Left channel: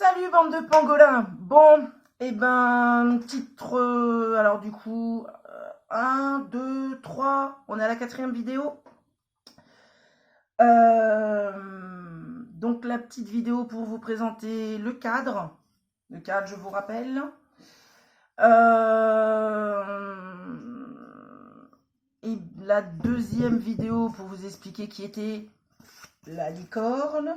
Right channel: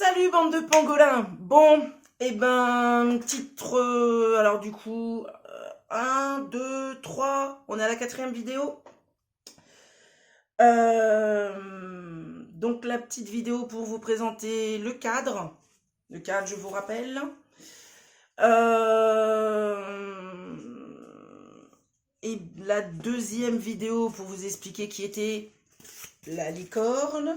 Salut bande de pangolins. Bon, titre, alors du coup, 1, 2, 3, on est à la quatrième vidéo. Euh, donc la petite vidéo pour vous présenter le cadre. Le cadre, je vous rappelle. Et la deuxième vidéo pour vous expliquer qui était la licorne.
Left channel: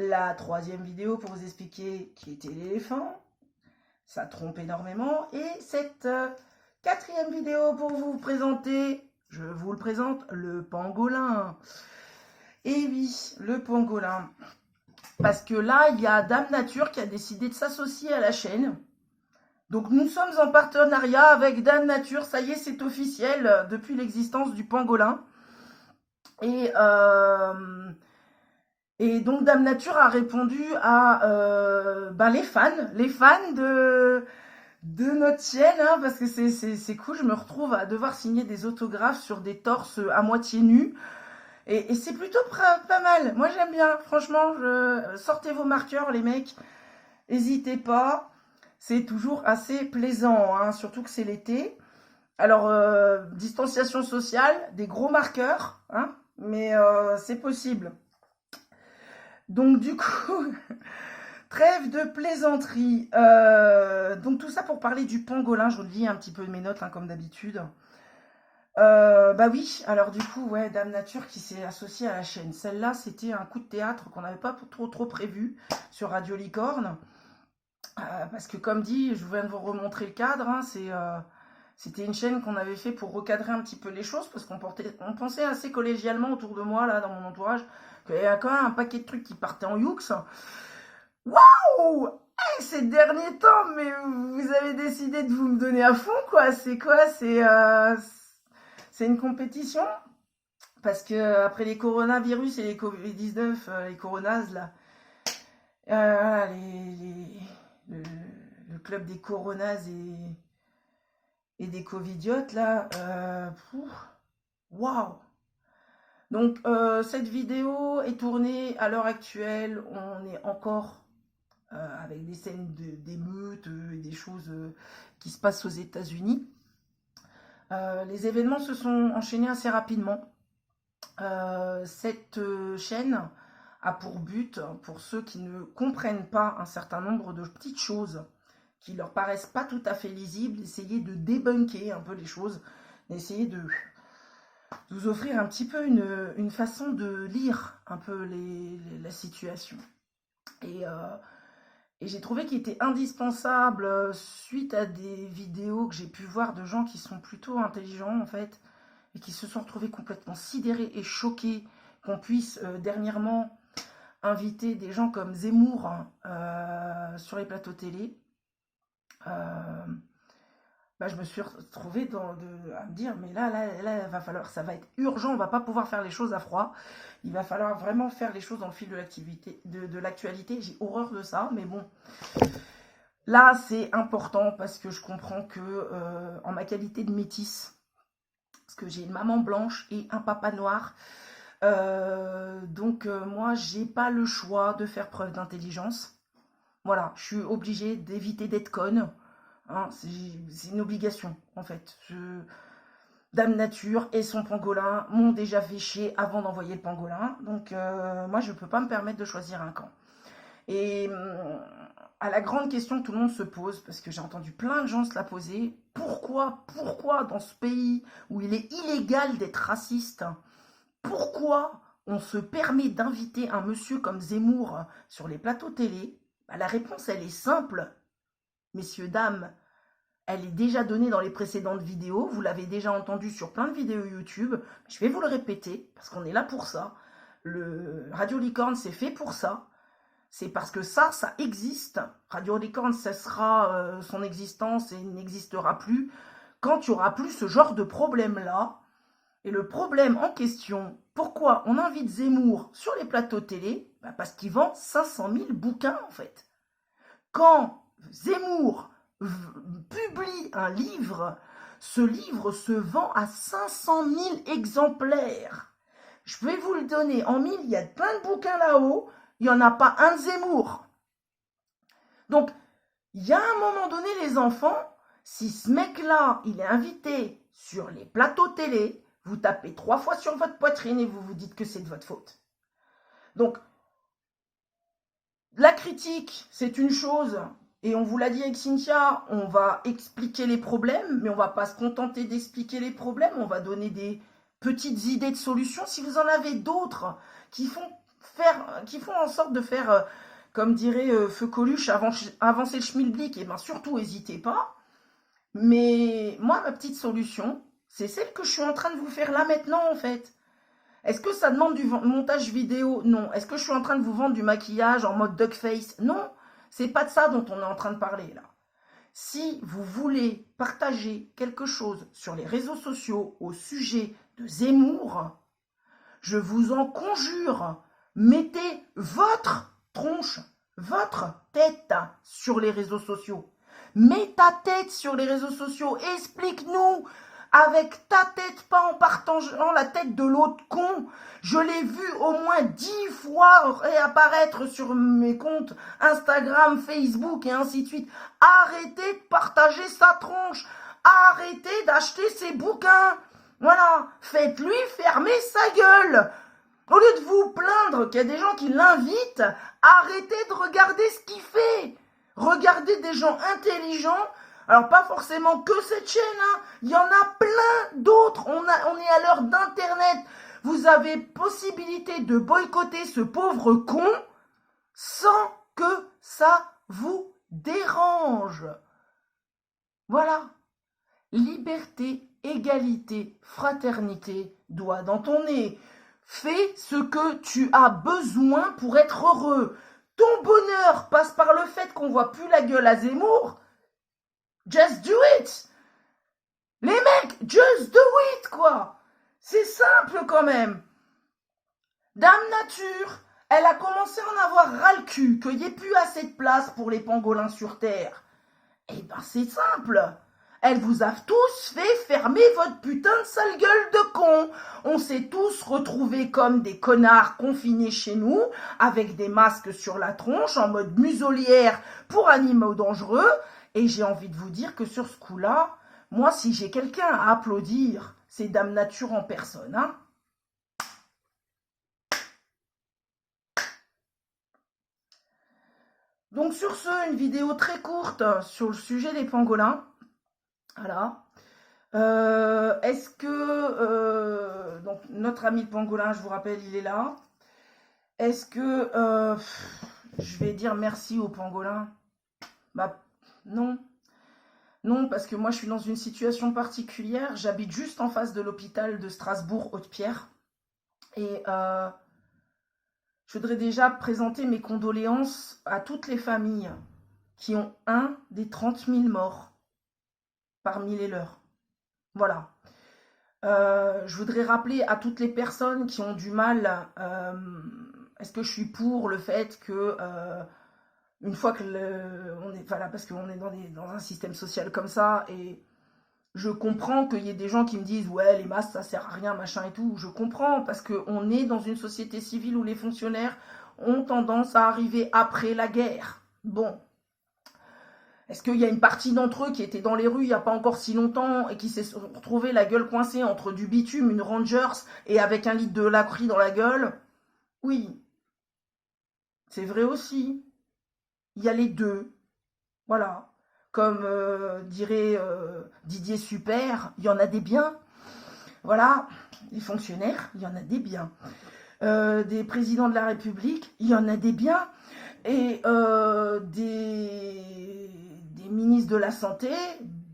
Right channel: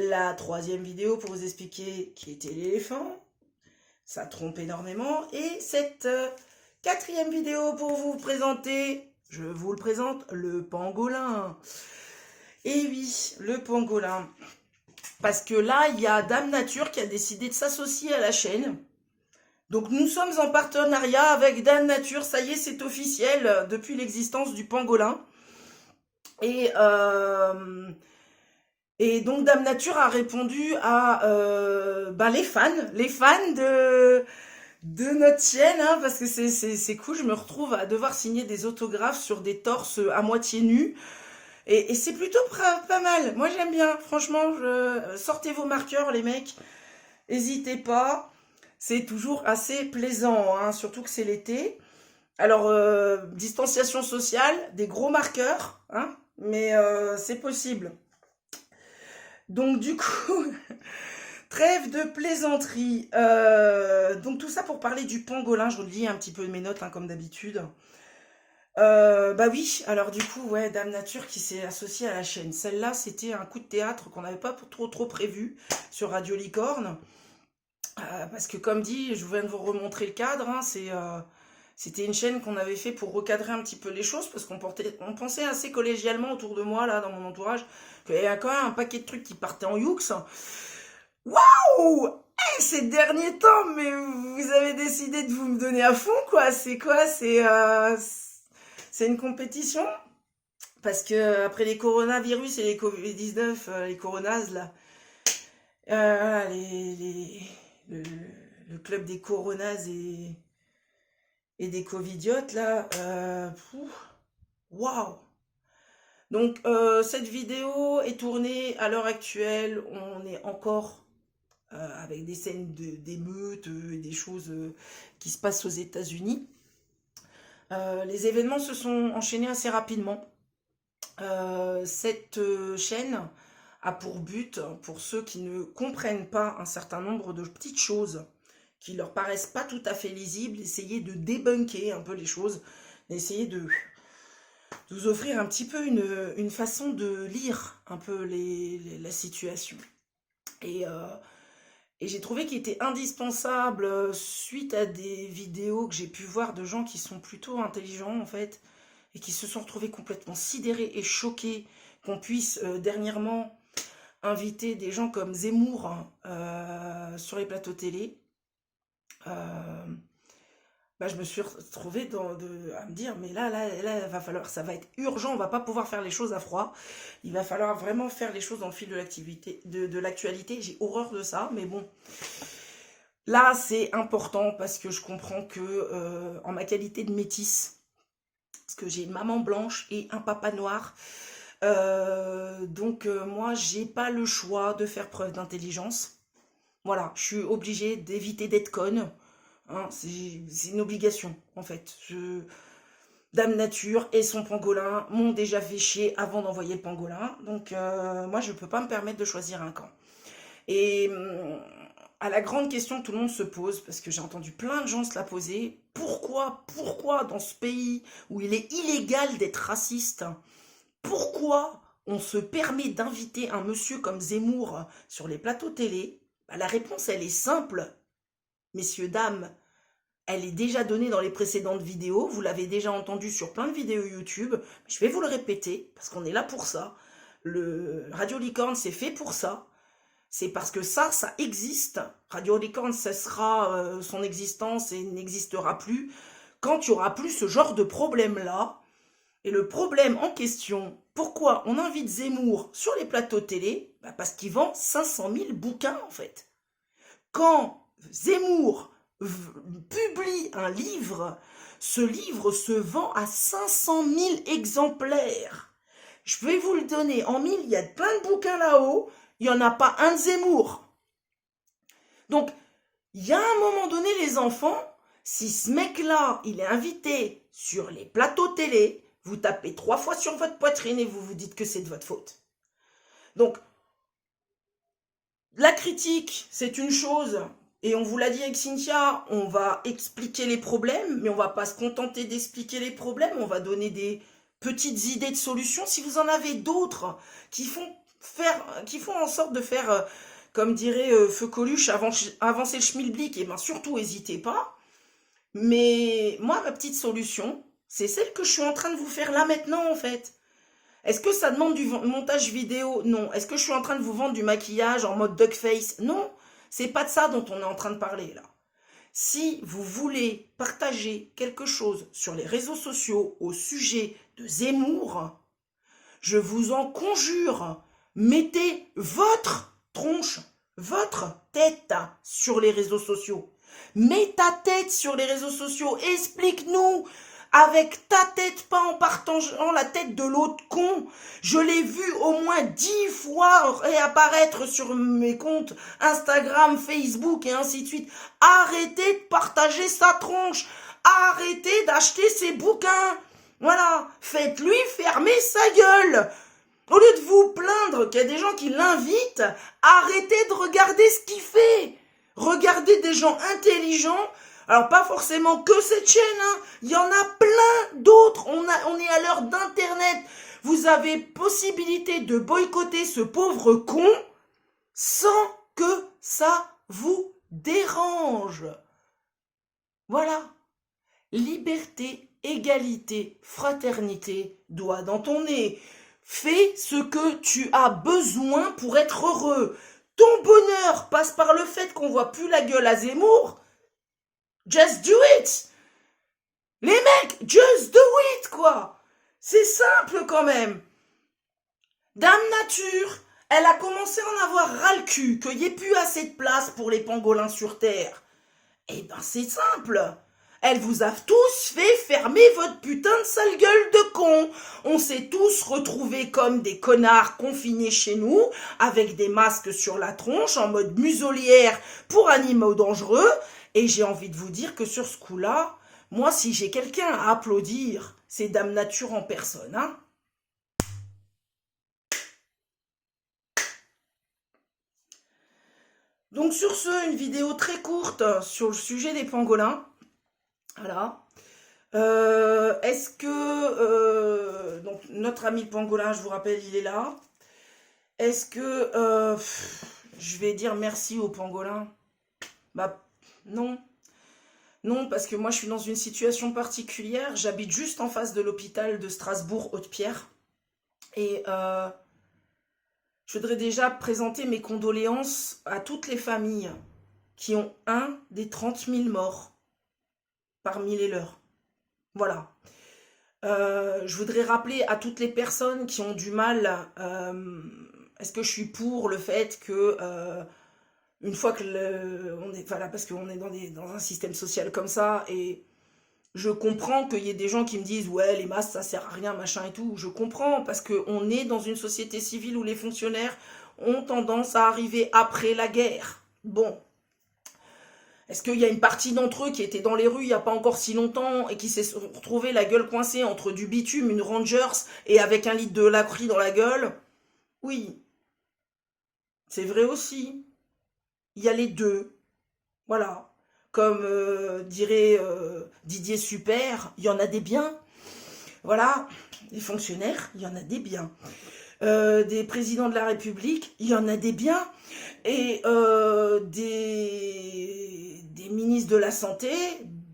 La troisième vidéo pour vous expliquer qui était l'éléphant. Ça trompe énormément. Et cette quatrième vidéo pour vous présenter, je vous le présente, le pangolin. Et oui, le pangolin. Parce que là, il y a Dame Nature qui a décidé de s'associer à la chaîne. Donc nous sommes en partenariat avec Dame Nature. Ça y est, c'est officiel depuis l'existence du pangolin. Et, euh, et donc Dame Nature a répondu à les fans de notre chaîne, hein, parce que c'est cool, je me retrouve à devoir signer des autographes sur des torses à moitié nus. Et c'est plutôt pas mal. Moi j'aime bien, franchement, sortez vos marqueurs les mecs, n'hésitez pas. C'est toujours assez plaisant, hein, surtout que c'est l'été. Alors, distanciation sociale, des gros marqueurs, hein, mais c'est possible. Donc du coup, trêve de plaisanterie. Donc tout ça pour parler du pangolin. Je vous lis un petit peu mes notes, hein, comme d'habitude. Bah oui, alors du coup, ouais, Dame Nature qui s'est associée à la chaîne. Celle-là, c'était un coup de théâtre qu'on n'avait pas trop prévu sur Radio Licorne. Parce que comme dit, je viens de vous remontrer le cadre, hein, c'était une chaîne qu'on avait fait pour recadrer un petit peu les choses, parce on pensait assez collégialement autour de moi, là, dans mon entourage, qu'il y avait quand même un paquet de trucs qui partaient en youx. Waouh! Ces derniers temps, mais vous avez décidé de vous me donner à fond, quoi. C'est quoi? C'est une compétition? Parce que après les coronavirus et les Covid-19, les coronas, là, le, le club des coronas et des covidiotes, là, waouh! Donc, cette vidéo est tournée à l'heure actuelle. On est encore avec des scènes d'émeutes, des choses qui se passent aux États-Unis. Les événements se sont enchaînés assez rapidement. Cette chaîne a pour but, pour ceux qui ne comprennent pas un certain nombre de petites choses qui leur paraissent pas tout à fait lisibles, d'essayer de débunker un peu les choses, d'essayer de vous offrir un petit peu une façon de lire un peu la situation. Et, euh, et j'ai trouvé qu'il était indispensable, suite à des vidéos que j'ai pu voir de gens qui sont plutôt intelligents en fait, et qui se sont retrouvés complètement sidérés et choqués qu'on puisse dernièrement inviter des gens comme Zemmour, hein, sur les plateaux télé. Euh, je me suis retrouvée à me dire, mais là, il va falloir, ça va être urgent, on va pas pouvoir faire les choses à froid. Il va falloir vraiment faire les choses dans le fil de l'activité, de l'actualité. J'ai horreur de ça, mais bon. Là, c'est important parce que je comprends que, en ma qualité de métisse, parce que j'ai une maman blanche et un papa noir, moi, j'ai pas le choix de faire preuve d'intelligence. Voilà, je suis obligée d'éviter d'être conne. Hein, c'est une obligation, en fait. Dame Nature et son pangolin m'ont déjà fait chier avant d'envoyer le pangolin. Donc, moi, je ne peux pas me permettre de choisir un camp. Et à la grande question que tout le monde se pose, parce que j'ai entendu plein de gens se la poser, pourquoi dans ce pays où il est illégal d'être raciste, pourquoi on se permet d'inviter un monsieur comme Zemmour sur les plateaux télé? La réponse, elle est simple, messieurs, dames. Elle est déjà donnée dans les précédentes vidéos. Vous l'avez déjà entendu sur plein de vidéos YouTube. Je vais vous le répéter, parce qu'on est là pour ça. Le Radio Licorne, c'est fait pour ça. C'est parce que ça existe. Radio Licorne cessera son existence et n'existera plus quand il n'y aura plus ce genre de problème-là. Et le problème en question, pourquoi on invite Zemmour sur les plateaux télé? Parce qu'il vend 500 000 bouquins, en fait. Quand Zemmour publie un livre, ce livre se vend à 500 000 exemplaires. Je vais vous le donner en mille, il y a plein de bouquins là-haut, il n'y en a pas un de Zemmour. Donc, il y a un moment donné, les enfants, si ce mec-là, il est invité sur les plateaux télé, vous tapez 3 fois sur votre poitrine et vous vous dites que c'est de votre faute. Donc, la critique, c'est une chose, et on vous l'a dit avec Cynthia, on va expliquer les problèmes, mais on va pas se contenter d'expliquer les problèmes, on va donner des petites idées de solutions. Si vous en avez d'autres qui font en sorte de faire, comme dirait Feu Coluche, avancer le schmilblick, et bien surtout, n'hésitez pas. Mais moi, ma petite solution, c'est celle que je suis en train de vous faire là maintenant, en fait. Est-ce que ça demande du montage vidéo? Non. Est-ce que je suis en train de vous vendre du maquillage en mode duckface? Non. C'est pas de ça dont on est en train de parler là. Si vous voulez partager quelque chose sur les réseaux sociaux au sujet de Zemmour, je vous en conjure, mettez votre tronche, votre tête sur les réseaux sociaux. Mets ta tête sur les réseaux sociaux. Explique-nous avec ta tête, pas en partageant la tête de l'autre con. Je l'ai vu au moins 10 fois réapparaître sur mes comptes Instagram, Facebook et ainsi de suite. Arrêtez de partager sa tronche. Arrêtez d'acheter ses bouquins. Voilà, faites-lui fermer sa gueule. Au lieu de vous plaindre qu'il y a des gens qui l'invitent, arrêtez de regarder ce qu'il fait. Regardez des gens intelligents. Alors, pas forcément que cette chaîne, hein. Il y en a plein d'autres. On est à l'heure d'Internet. Vous avez possibilité de boycotter ce pauvre con sans que ça vous dérange. Voilà. Liberté, égalité, fraternité, doigt dans ton nez. Fais ce que tu as besoin pour être heureux. Ton bonheur passe par le fait qu'on voit plus la gueule à Zemmour. Just do it. Les mecs, just do it, quoi. C'est simple quand même. Dame Nature, elle a commencé à en avoir ras le cul, qu'il n'y ait plus assez de place pour les pangolins sur Terre. Eh ben c'est simple. Elle vous a tous fait fermer votre putain de sale gueule de con. On s'est tous retrouvés comme des connards confinés chez nous, avec des masques sur la tronche, en mode muselière pour animaux dangereux. Et j'ai envie de vous dire que sur ce coup-là, moi, si j'ai quelqu'un à applaudir, c'est Dame Nature en personne, hein. Donc sur ce, une vidéo très courte sur le sujet des pangolins. Voilà. Est-ce que donc notre ami le pangolin, je vous rappelle, il est là. Est-ce que je vais dire merci au pangolin? Bah non. Non, parce que moi je suis dans une situation particulière. J'habite juste en face de l'hôpital de Strasbourg-Haute-Pierre. Et je voudrais déjà présenter mes condoléances à toutes les familles qui ont un des 30 000 morts parmi les leurs. Voilà. Je voudrais rappeler à toutes les personnes qui ont du mal, est-ce que je suis pour le fait que, une fois que on est, voilà, parce qu'on est dans un système social comme ça, et je comprends qu'il y ait des gens qui me disent, ouais, les masques, ça sert à rien, machin et tout. Je comprends, parce qu'on est dans une société civile où les fonctionnaires ont tendance à arriver après la guerre. Bon. Est-ce qu'il y a une partie d'entre eux qui était dans les rues il n'y a pas encore si longtemps et qui s'est retrouvé la gueule coincée entre du bitume, une Rangers et avec un litre de lacry dans la gueule? Oui, c'est vrai aussi. Il y a les deux. Voilà. Comme dirait Didier Super, il y en a des biens. Voilà. Les fonctionnaires, il y en a des biens. Des présidents de la République, il y en a des biens. Et des ministres de la Santé,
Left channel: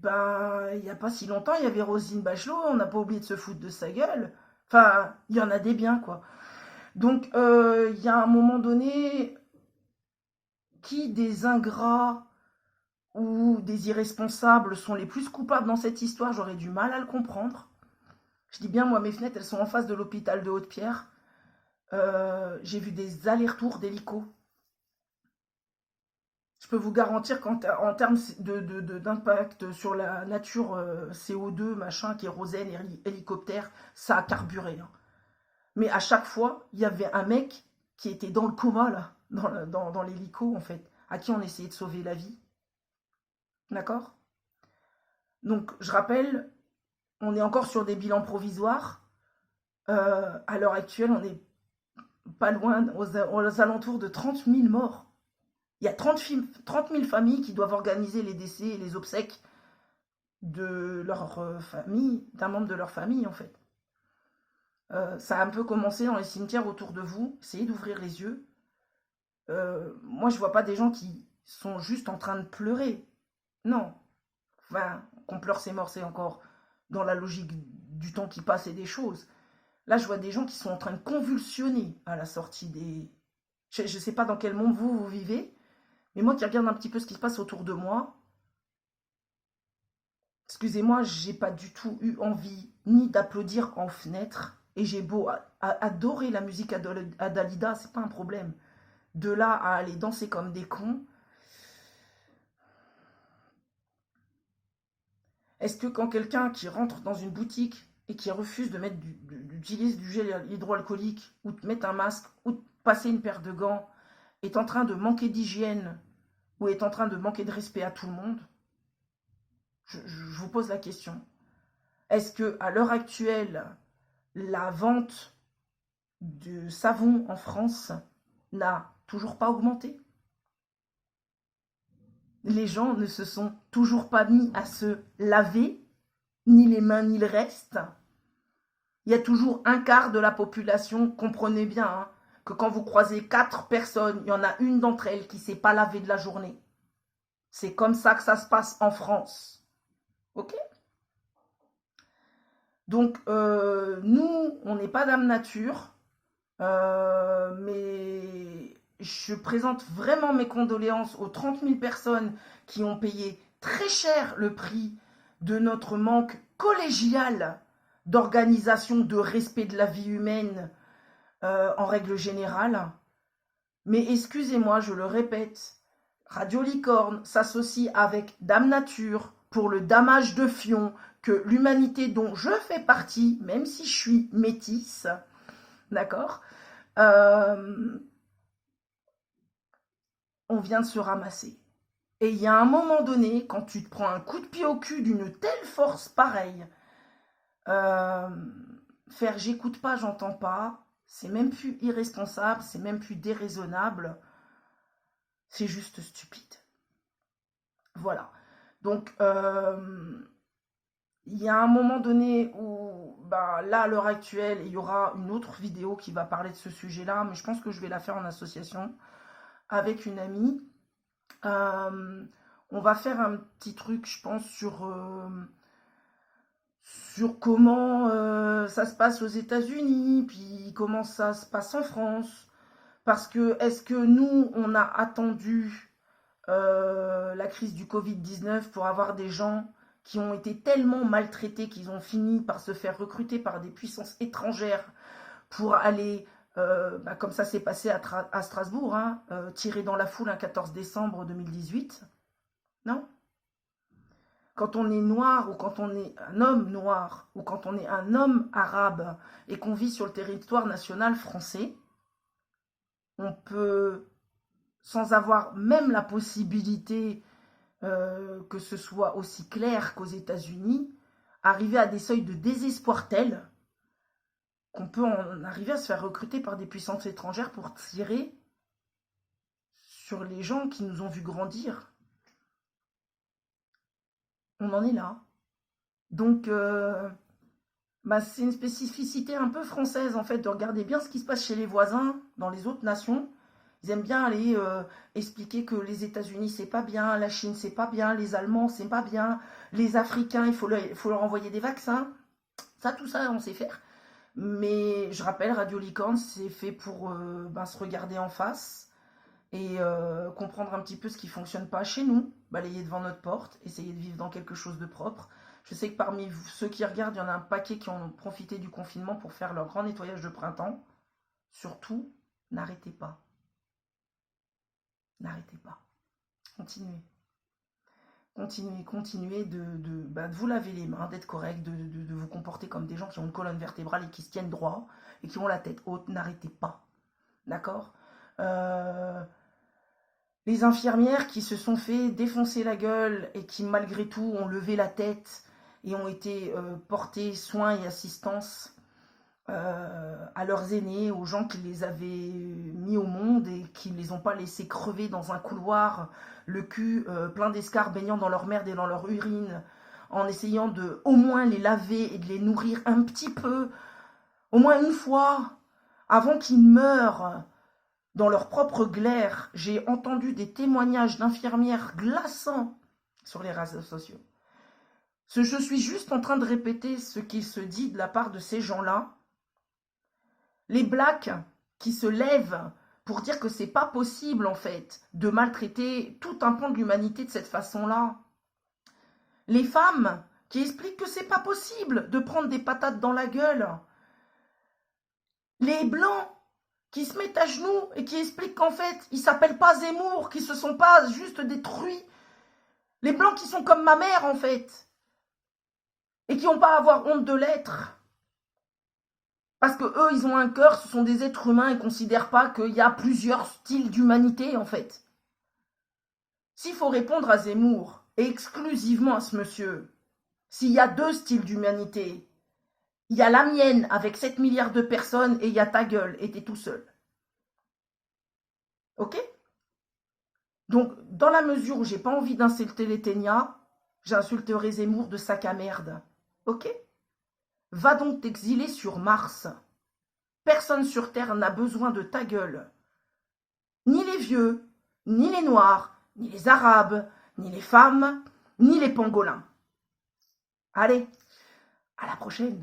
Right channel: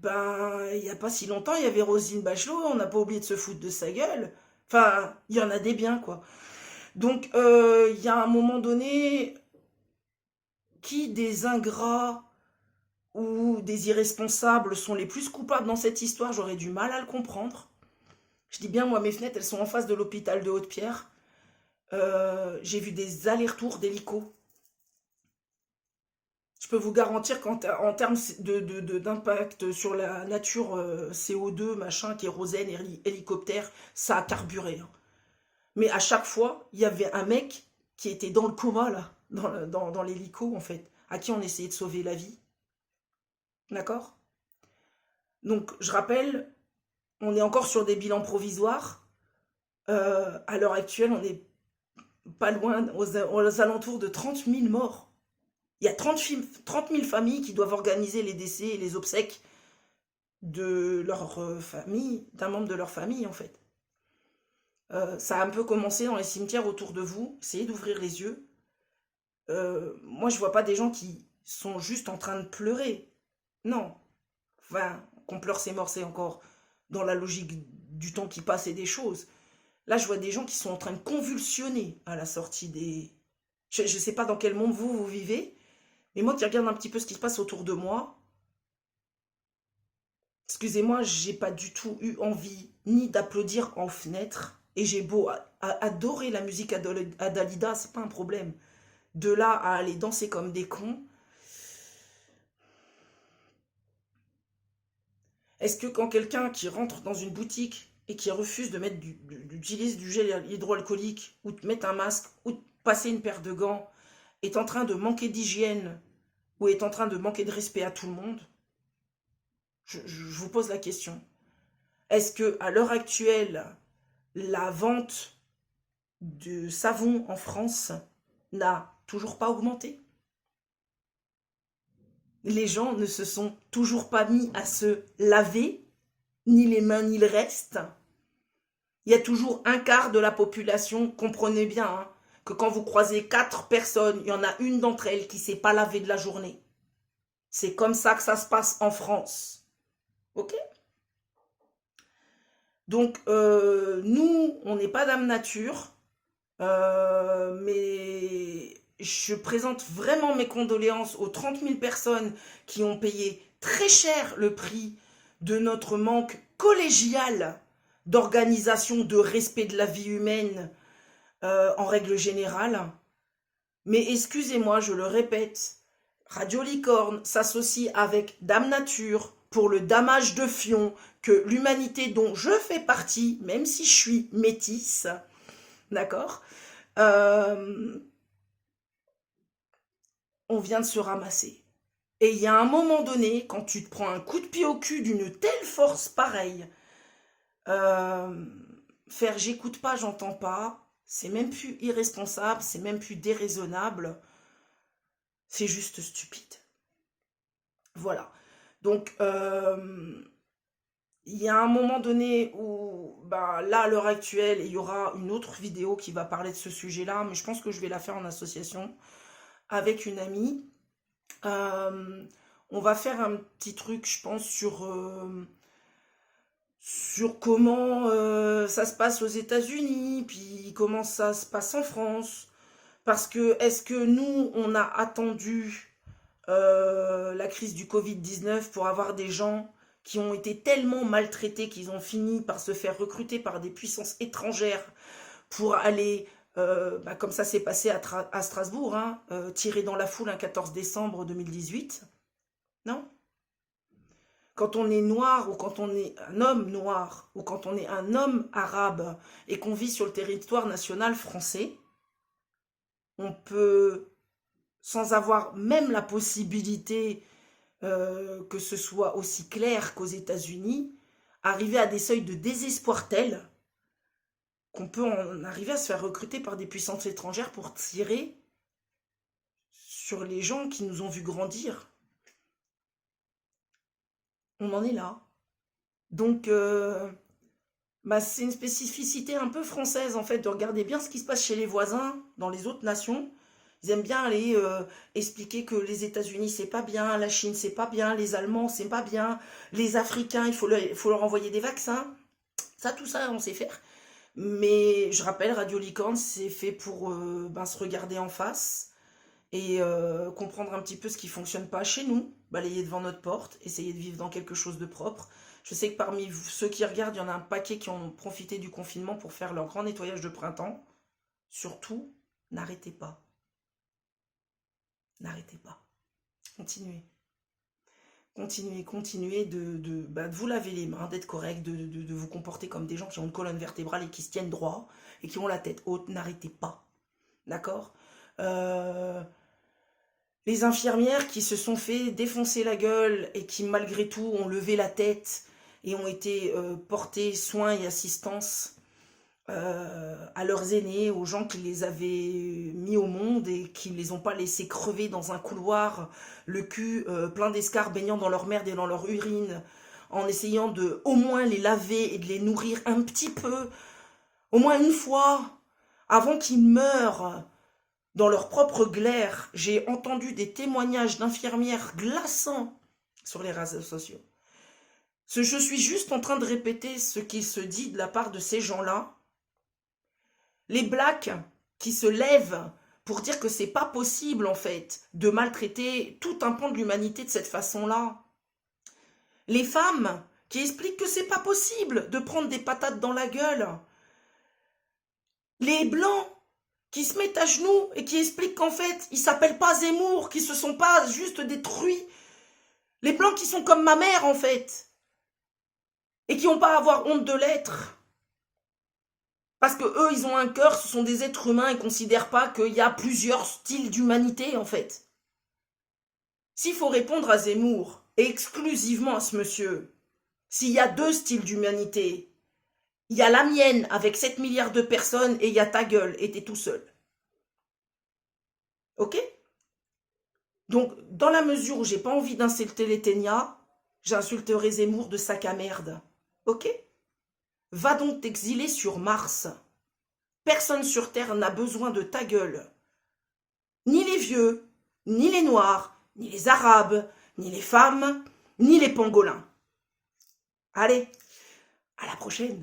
ben, il n'y a pas si longtemps, il y avait Roselyne Bachelot, on n'a pas oublié de se foutre de sa gueule. Enfin, il y en a des biens, quoi. Donc, il y a un moment donné, qui des ingrats ou des irresponsables sont les plus coupables dans cette histoire, j'aurais du mal à le comprendre. Je dis bien, moi, mes fenêtres, elles sont en face de l'hôpital de Haute-Pierre. J'ai vu des allers-retours d'hélicos. Je peux vous garantir qu'en termes d'impact sur la nature, CO2, machin, kérosène, hélicoptère, ça a carburé, hein. Mais à chaque fois, il y avait un mec qui était dans le coma, là, dans l'hélico, en fait. à qui on essayait de sauver la vie. D'accord? Donc, je rappelle, on est encore sur des bilans provisoires. À l'heure actuelle, on n'est pas loin, aux alentours de 30 000 morts. Il y a 30 000 familles qui doivent organiser les décès et les obsèques de leur famille, d'un membre de leur famille, en fait. Ça a un peu commencé dans les cimetières autour de vous. Essayez d'ouvrir les yeux. Moi, je vois pas des gens qui sont juste en train de pleurer. Non. Enfin, qu'on pleure ses morts, c'est encore dans la logique du temps qui passe et des choses. Là, je vois des gens qui sont en train de convulsionner à la sortie des... Je ne sais pas dans quel monde vous vivez, mais moi qui regarde un petit peu ce qui se passe autour de moi, excusez-moi, j'ai pas du tout eu envie ni d'applaudir en fenêtre. Et j'ai beau adorer la musique à Dalida, c'est pas un problème. De là à aller danser comme des cons. Est-ce que quand quelqu'un qui rentre dans une boutique et qui refuse de mettre d'utiliser du gel hydroalcoolique ou de mettre un masque ou de passer une paire de gants est en train de manquer d'hygiène ou est en train de manquer de respect à tout le monde? Je vous pose la question. Est-ce que à l'heure actuelle, la vente de savon en France n'a toujours pas augmenté? Les gens ne se sont toujours pas mis à se laver, ni les mains ni le reste. Il y a toujours un quart de la population, comprenez bien, hein, que quand vous croisez 4 personnes, il y en a une d'entre elles qui ne s'est pas lavée de la journée. C'est comme ça que ça se passe en France. Ok? Donc, nous, on n'est pas Dame Nature, mais je présente vraiment mes condoléances aux 30 000 personnes qui ont payé très cher le prix de notre manque collégial d'organisation, de respect de la vie humaine en règle générale. Mais excusez-moi, je le répète, Radio Licorne s'associe avec Dame Nature pour le damage de fion que l'humanité dont je fais partie, même si je suis métisse, d'accord, on vient de se ramasser. Et il y a un moment donné, quand tu te prends un coup de pied au cul d'une telle force pareille, faire j'écoute pas, j'entends pas, c'est même plus irresponsable, c'est même plus déraisonnable, c'est juste stupide. Voilà. Donc, il y a un moment donné où, bah, là, à l'heure actuelle, il y aura une autre vidéo qui va parler de ce sujet-là, mais je pense que je vais la faire en association avec une amie. On va faire un petit truc, je pense, sur comment ça se passe aux États-Unis, puis comment ça se passe en France. Parce que est-ce que nous, on a attendu la crise du Covid-19 pour avoir des gens qui ont été tellement maltraités qu'ils ont fini par se faire recruter par des puissances étrangères pour aller, bah, comme ça s'est passé à Strasbourg, hein, tirer dans la foule un 14 décembre 2018? Non? Quand on est noir ou quand on est un homme noir ou quand on est un homme arabe et qu'on vit sur le territoire national français, on peut, sans avoir même la possibilité que ce soit aussi clair qu'aux États-Unis, arriver à des seuils de désespoir tels qu'on peut en arriver à se faire recruter par des puissances étrangères pour tirer sur les gens qui nous ont vus grandir. On en est là. Donc, bah, c'est une spécificité un peu française, en fait, de regarder bien ce qui se passe chez les voisins, dans les autres nations. Ils aiment bien aller expliquer que les États-Unis, c'est pas bien, la Chine, c'est pas bien, les Allemands, c'est pas bien, les Africains, il faut leur envoyer des vaccins. Ça, tout ça, on sait faire. Mais je rappelle, Radio Licorne, c'est fait pour ben, se regarder en face et comprendre un petit peu ce qui fonctionne pas chez nous, balayer devant notre porte, essayer de vivre dans quelque chose de propre. Je sais que parmi ceux qui regardent, il y en a un paquet qui ont profité du confinement pour faire leur grand nettoyage de printemps. Surtout, n'arrêtez pas. N'arrêtez pas. Continuez. Continuez bah, de vous laver les mains, d'être correct, de vous comporter comme des gens qui ont une colonne vertébrale et qui se tiennent droit et qui ont la tête haute. N'arrêtez pas. D'accord? Les infirmières qui se sont fait défoncer la gueule et qui malgré tout ont levé la tête et ont été portées soins et assistance à leurs aînés, aux gens qui les avaient mis au monde et qui ne les ont pas laissés crever dans un couloir, le cul plein d'escarres baignant dans leur merde et dans leur urine, en essayant de au moins les laver et de les nourrir un petit peu, au moins une fois, avant qu'ils meurent dans leur propre glaire. J'ai entendu des témoignages d'infirmières glaçants sur les réseaux sociaux. Je suis juste en train de répéter ce qui se dit de la part de ces gens-là. Les blacks qui se lèvent pour dire que c'est pas possible en fait de maltraiter tout un pan de l'humanité de cette façon-là. Les femmes qui expliquent que c'est pas possible de prendre des patates dans la gueule. Les blancs qui se mettent à genoux et qui expliquent qu'en fait, ils s'appellent pas Zemmour, qu'ils se sont pas juste détruits. Les blancs qui sont comme ma mère en fait. Et qui n'ont pas à avoir honte de l'être. Parce que eux, ils ont un cœur, ce sont des êtres humains, ils ne considèrent pas qu'il y a plusieurs styles d'humanité, en fait. S'il faut répondre à Zemmour, et exclusivement à ce monsieur, s'il y a 2 styles d'humanité, il y a la mienne avec 7 milliards de personnes, et il y a ta gueule, et t'es tout seul. Ok? Donc, dans la mesure où j'ai pas envie d'insulter les Ténia, j'insulterai Zemmour de sac à merde. Ok? Va donc t'exiler sur Mars. Personne sur Terre n'a besoin de ta gueule. Ni les vieux, ni les noirs, ni les arabes, ni les femmes, ni les pangolins. Allez, à la prochaine.